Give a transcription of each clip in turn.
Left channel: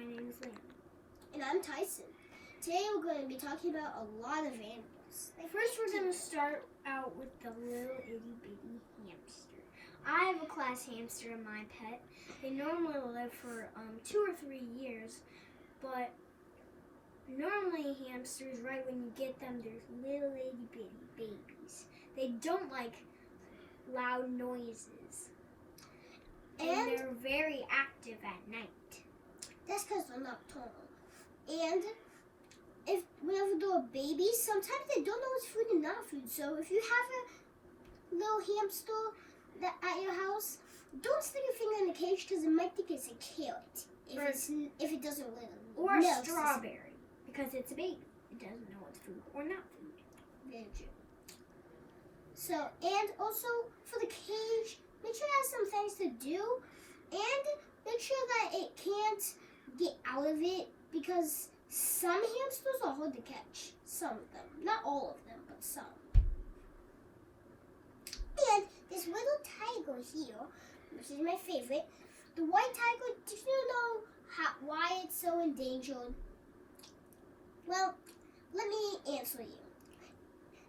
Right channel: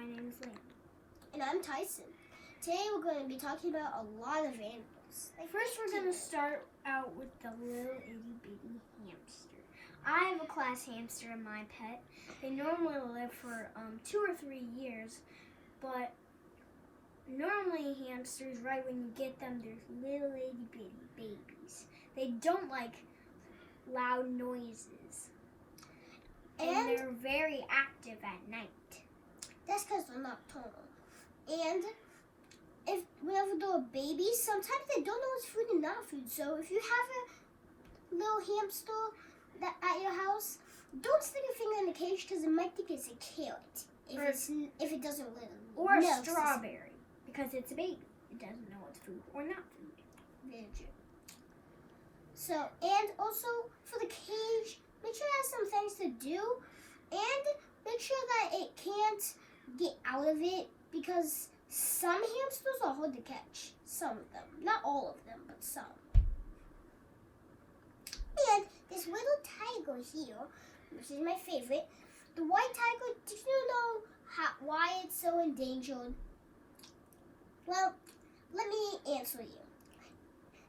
My name's Lynn. And I'm Tyson. Today we're going to be talking about a lot of animals. First, we're going to start out with the little itty bitty hamster. I have a class hamster in my pet. They normally live for 2 or 3 years, but normally hamsters, right when you get them, they're little itty bitty babies. They don't like loud noises. And they're very active at night. That's because they're nocturnal. And whenever they're babies, sometimes they don't know what's food and not food. So if you have a little hamster at your house, don't stick your finger in the cage because it might think it's a carrot if it doesn't live. Or a strawberry because it's a baby. It doesn't know what's food or not food. Very true. So, and also for the cage, make sure it has some things to do, and make sure that it can't get out of it because some hamsters are hard to catch. Some of them. Not all of them, but some. And this little tiger here, which is my favorite, the white tiger, do you know why it's so endangered? Well, let me answer you.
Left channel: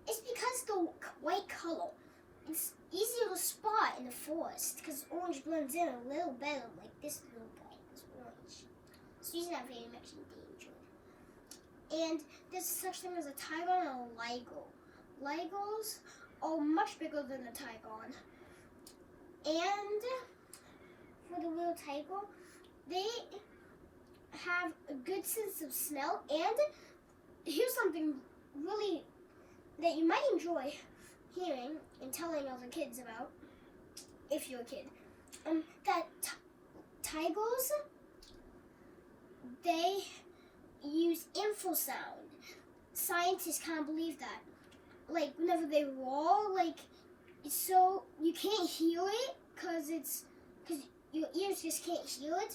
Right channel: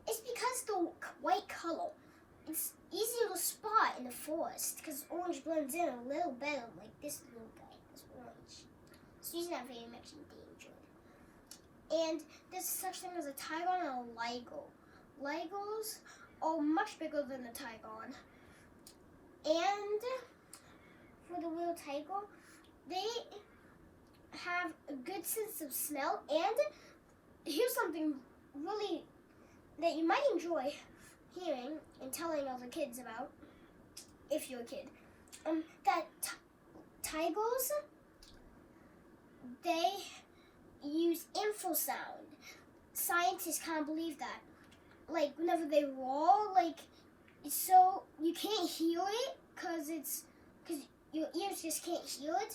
It's because the white color, it's easier to spot in the forest because orange blends in a little better, like this little guy, this orange. So he's not very much endangered. And there's such thing as a tigon and a liger. Ligers are much bigger than the tigon. And for the little tiger, they have a good sense of smell. And here's something really that you might enjoy hearing and telling other kids about, if you're a kid. That tigers, they use infrasound. Scientists can't believe that. Like, whenever they roar, like, so you can't hear it because your ears just can't hear it,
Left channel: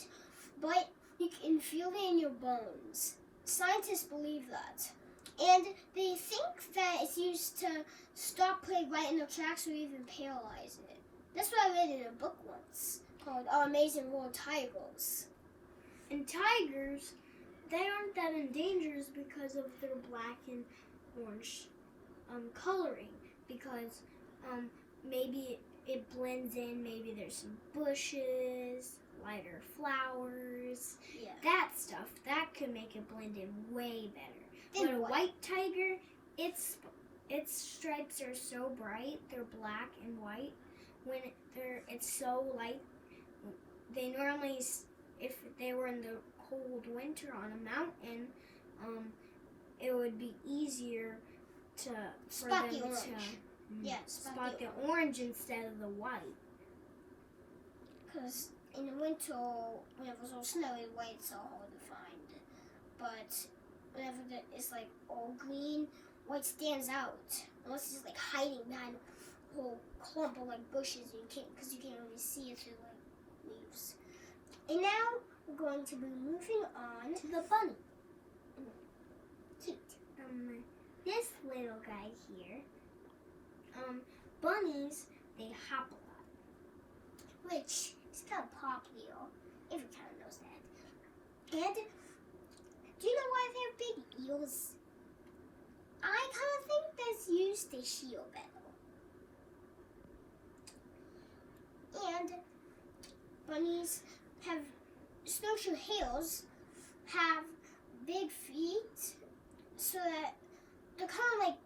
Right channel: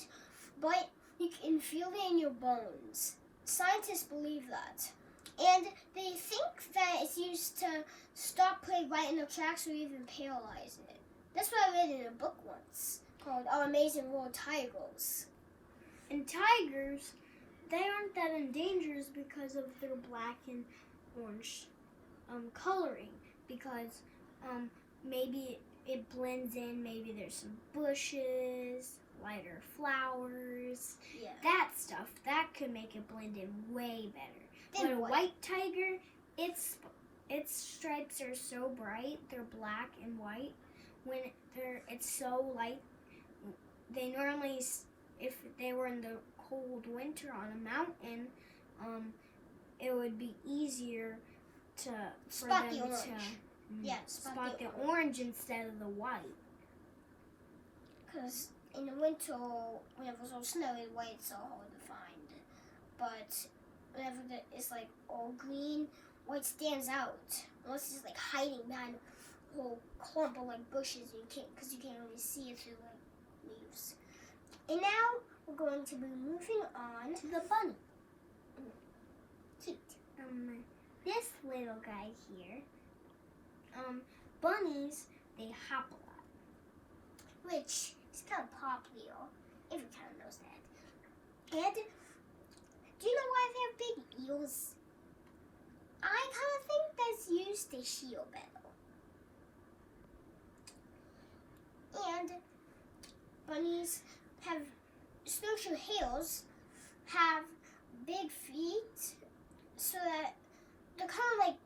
but you can feel it in your bones. Scientists believe that. And they think that it's used to stop prey right in the tracks or even paralyze it. That's what I read in a book once called Our Amazing World Tigers. And tigers, they aren't that endangered because of their black and orange coloring, because maybe it blends in, maybe there's some bushes, lighter flowers, that stuff, that could make it blend in way better. But a white tiger, its stripes are so bright, they're black and white. When it's so light, they normally, if they were in the cold winter on a mountain, it would be easier for them to spot the orange instead of the white. Because in the winter, whenever it's all snowy, white's so hard to find. But whenever it's like all green, white stands out. Unless it's like hiding behind a whole clump of like bushes, because you can't really see it through like leaves. And now we're going to be moving on to the bunny. Cute. This little guy here, bunnies, they hop a lot, which is kind of popular. Every kind of knows that. And do you know why they have big ears? I kind of think that's used to heal better. And bunnies have snowshoe hares have big feet, so that they're kind of like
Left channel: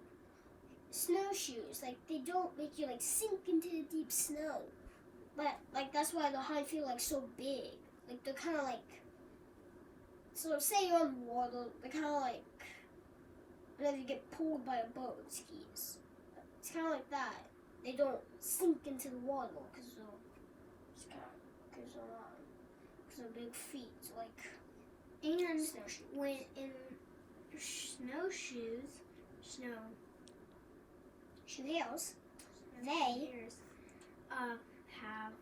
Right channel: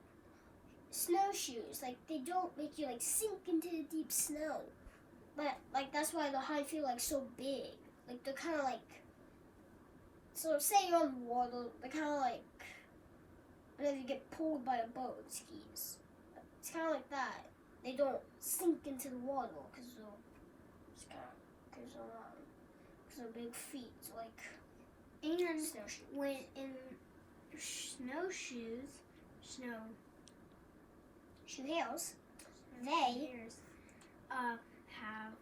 snowshoes. Like they don't make you like sink into the deep snow. But like that's why the hind feet like so big. Like they're kind of like, so say you're on water, they're kind of like whenever you get pulled by a boat, it skis. It's kind of like that. They don't sink into the water because they're big feet, like snowshoes. When in snowshoes, hares, they have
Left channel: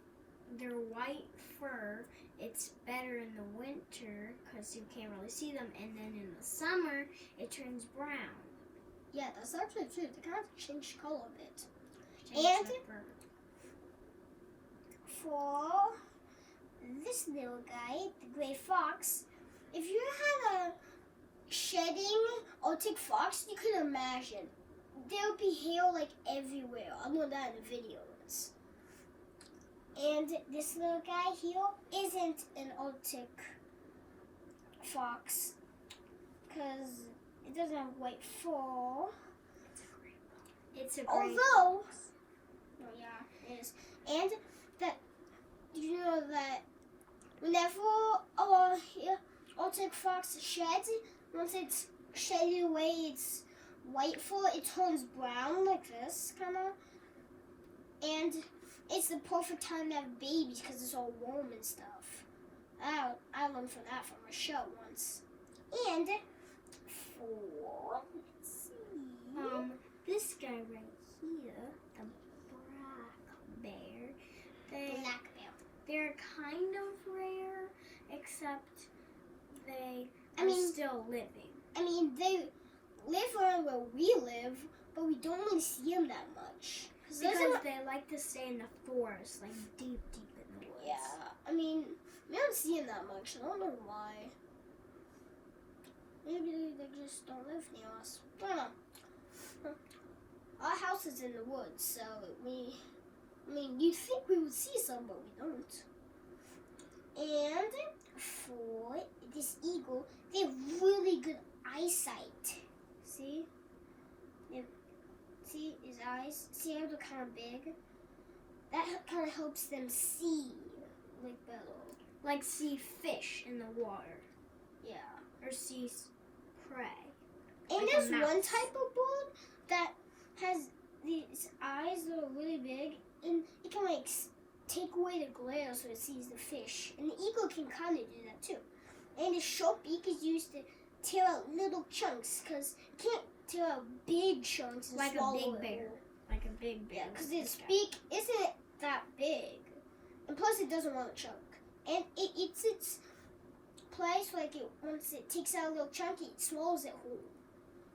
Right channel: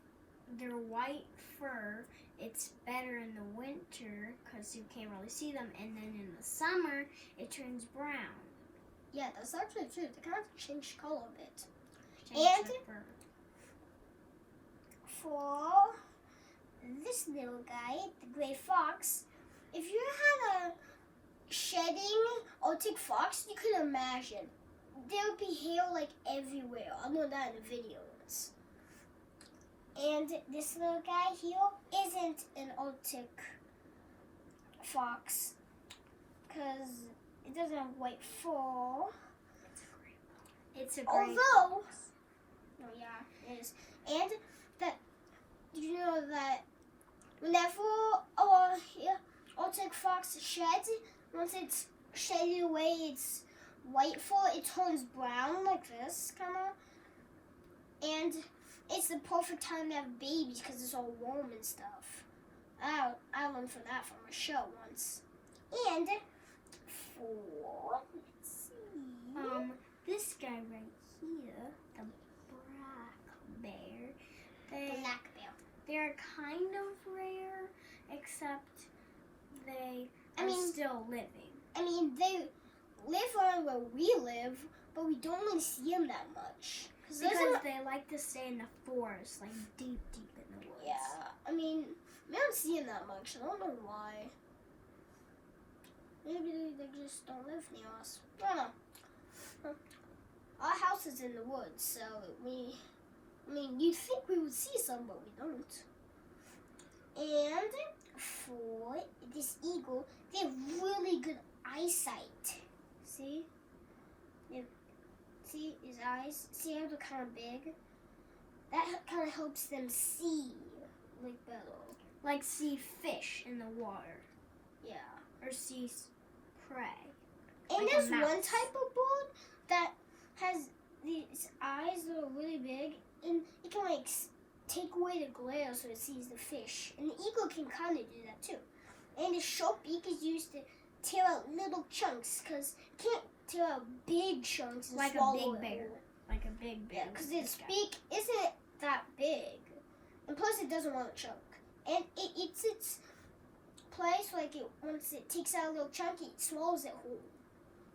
their white fur. It's better in the winter because you can't really see them, and then in the summer it turns brown. Yeah, that's actually true. They kind of change color a bit. And for this little guy, the gray fox, if you had a shedding Arctic fox, you could imagine. There would be hair like everywhere. I know that in the videos. And this little guy here isn't an Arctic fox because it doesn't have white fur. It's a gray Although, fox. oh yeah, it is. And that, you know that whenever Arctic fox sheds, once it's shedded away its white fur, it turns brown like this, kind of. And it's the perfect time to have babies because it's all warm and stuff. I learned from that from a show once. And for, let's see. This guy right here, the black bear. Black bear. They're kind of rare, except they are still living. I mean, they live around where we live, but we don't really see them that much. Because they like to stay in the forest, like deep in the woods. Yeah, I mean, we don't see them that much. I don't know why. Maybe they just don't live near us. I don't know. Our house is in the woods, so you'd think we would see some, but we don't. And for this eagle, they have really good eyesight. See? See his eyes? See how they're kind of big? That kind of helps them see, like better. Like see fish in the water. Yeah. Or see prey. And Like there's a mouse. one type of bird that has these eyes that are really big, and it can like take away the glare so it sees the fish. And the eagle can kind of do that too. And its sharp beak is used to tear out little chunks, because it can't tear out big chunks and Like a swallow big it bear. whole. Like a big bear. Yeah, because its beak isn't that big. And plus it doesn't want to choke. And it eats its place, like once it takes out a little chunk, it swallows it whole.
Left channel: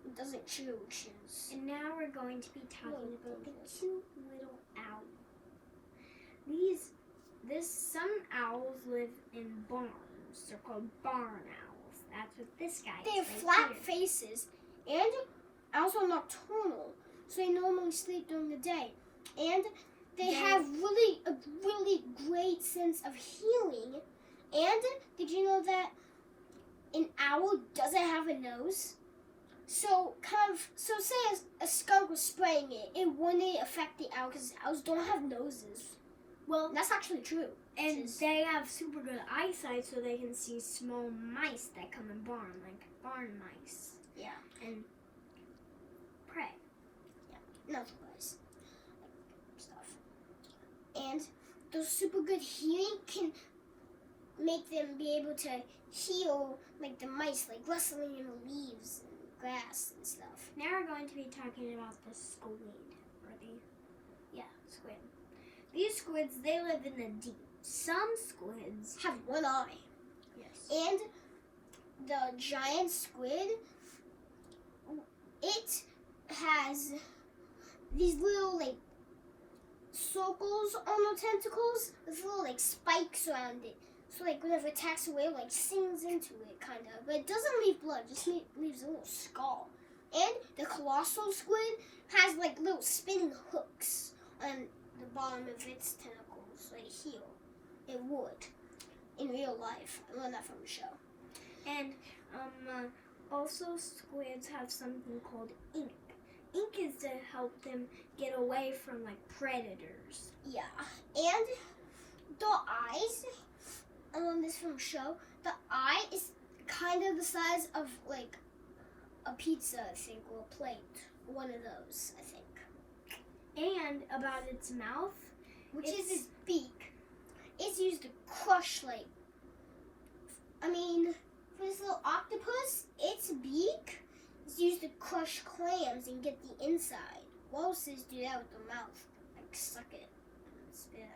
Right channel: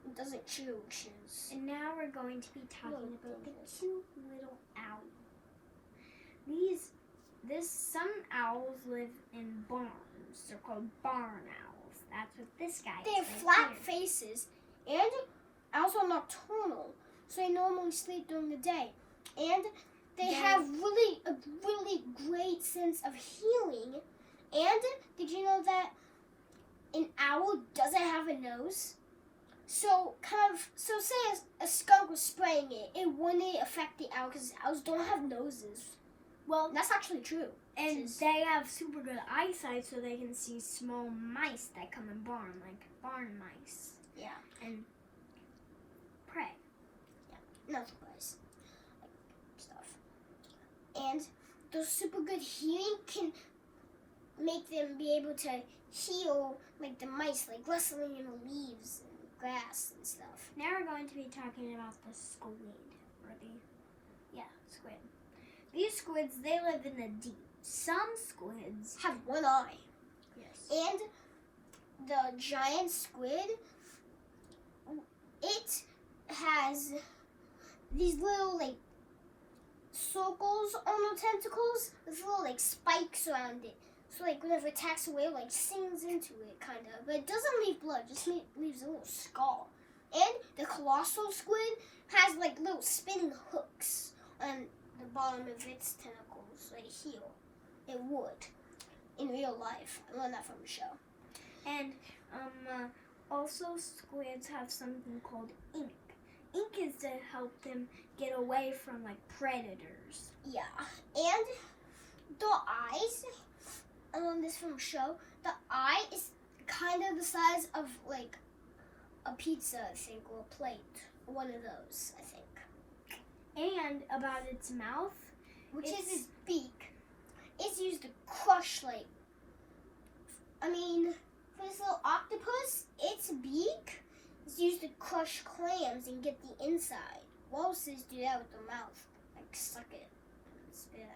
It doesn't chews. And now we're going to be talking about the goodness. cute little owl. Some owls live in barns. They're called barn owls. That's what this guy is. They have right flat here. faces, and owls are nocturnal, so they normally sleep during the day. And they have a really great sense of healing. And did you know that an owl doesn't have a nose? So say a skunk was spraying it, it wouldn't affect the owl because owls don't have noses. Well, that's actually true. And they have super good eyesight, so they can see small mice that come in barn, like barn mice. Yeah. And prey. Yeah. Not surprise. Like, stuff. And those super good healing can make them be able to heal like the mice, like rustling in the leaves and grass and stuff. Now we're going to be talking about the squid. Squid. These squids, they live in the deep. Some squids Have one eye. yes. And the giant squid, it has these little like circles on the tentacles with little like spikes around it. So like whenever it attacks away, like sings into it kind of. But it doesn't leave blood, just leaves a little scar. And the colossal squid has like little spinning hooks on the bottom of its tentacles, like heel. It would. In real life. I learned that from the show. And also squids have something called ink. Ink is to help them get away from like predators. Yeah. And the eyes, this from the show, the eye is kind of the size of like a pizza, I think, or a plate. One of those, I think. And about its mouth, Which is its beak. It's used to crush, like, for this little octopus, its beak is used to crush clams and get the inside. Walruses do that with their mouth, like suck it and spit it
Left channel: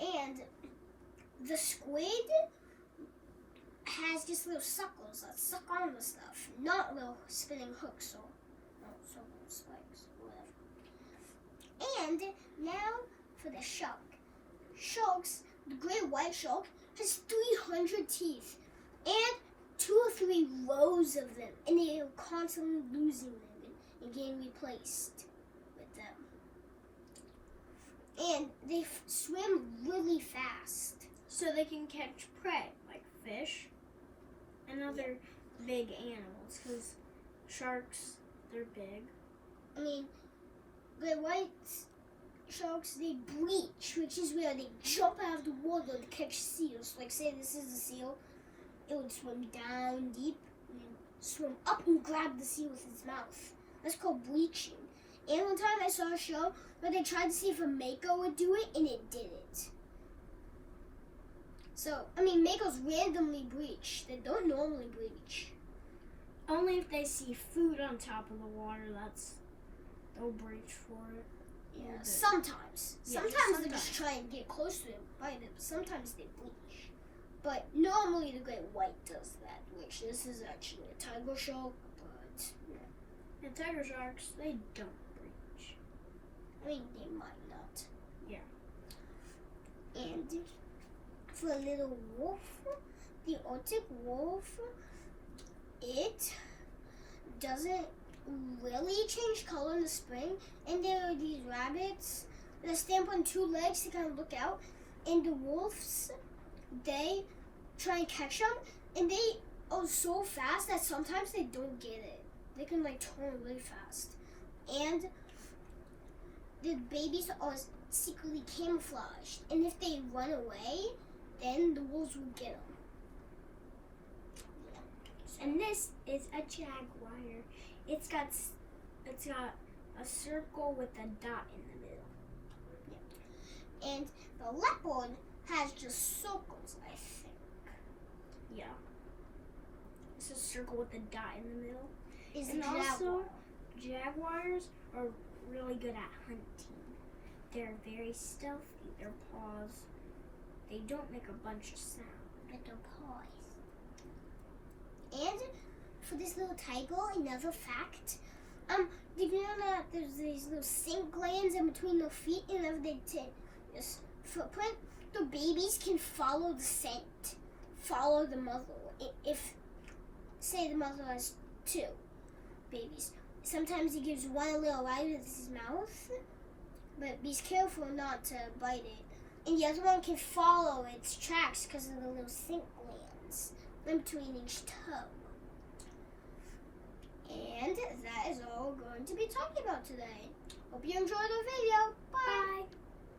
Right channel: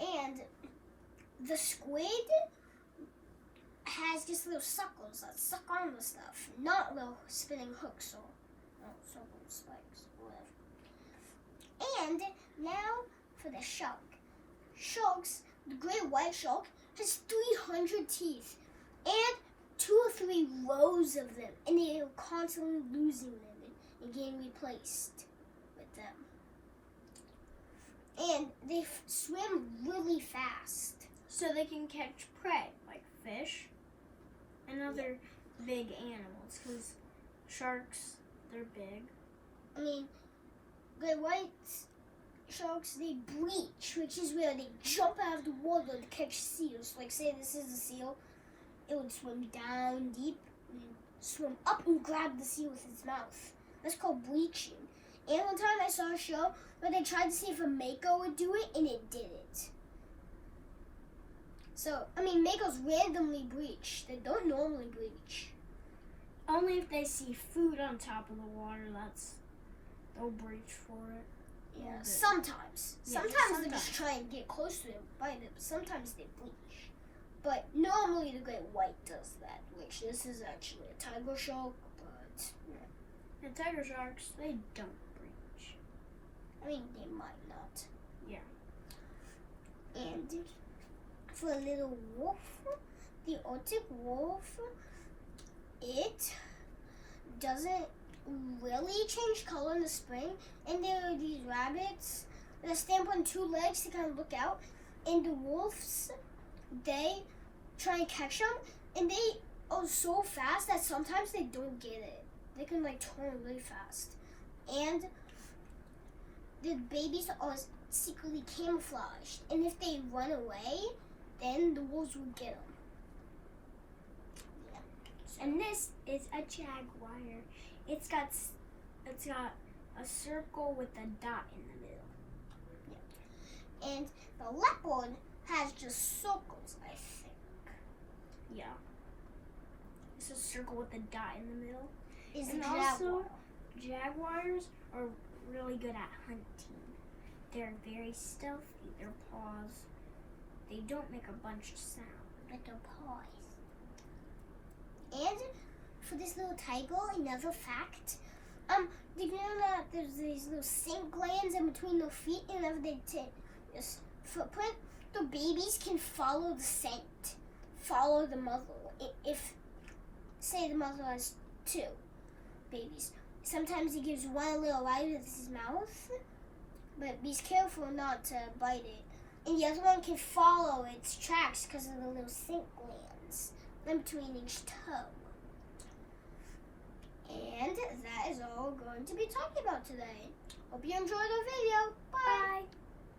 out. And the squid has just little suckles that suck on the stuff, not little spinning hooks or circle spikes, whatever. And now for the shark. Sharks, the great white shark, has 300 teeth and 2 or 3 rows of them, and they are constantly losing them and getting replaced with them. And they swim really fast. So they can catch prey, like fish and other big animals, because sharks, they're big. I mean, great white sharks, they breach, which is where they jump out of the water to catch seals. Like, say this is a seal, it would swim down deep and swim up and grab the seal with its mouth. That's called breaching. And one time I saw a show where they tried to see if a mako would do it, and it didn't. So, I mean, makos randomly breach. They don't normally breach. Only if they see food on top of the water, they'll breach for it. Yeah, sometimes. Yeah, Sometimes they just try and get close to it and bite it. Sometimes they breach. But normally the great white does that, which this is actually a tiger shark, but yeah. And tiger sharks, they don't breach. I mean, they might not. Yeah. And for a little wolf, the Arctic wolf, it doesn't really change color in the spring. And there are these rabbits that stand on 2 legs to kind of look out. And the wolves, they try and catch them. And they are so fast that sometimes they don't get it. They can like turn really fast. And the babies are secretly camouflaged. And if they run away, then the wolves will get them. Yeah. And this is a jaguar. It's got a circle with a dot in the middle. Yeah. And the leopard has just circles, I think. Yeah. It's a circle with a dot in the middle. Is And a jaguar. also, jaguars are really good at hunting. They're very stealthy. Their paws, they don't make a bunch of sound. With their paws. And for this little tiger, another fact. Did you know that there's these little scent glands in between their feet, and whenever they take this footprint, the babies can follow the scent, follow the mother. If, say, the mother has 2 babies, sometimes he gives one a little bite with his mouth, but be careful not to bite it. And the other one can follow its tracks because of the little scent glands in between each toe. And that is all we're going to be talking about today. Hope you enjoyed our video. Bye. Bye.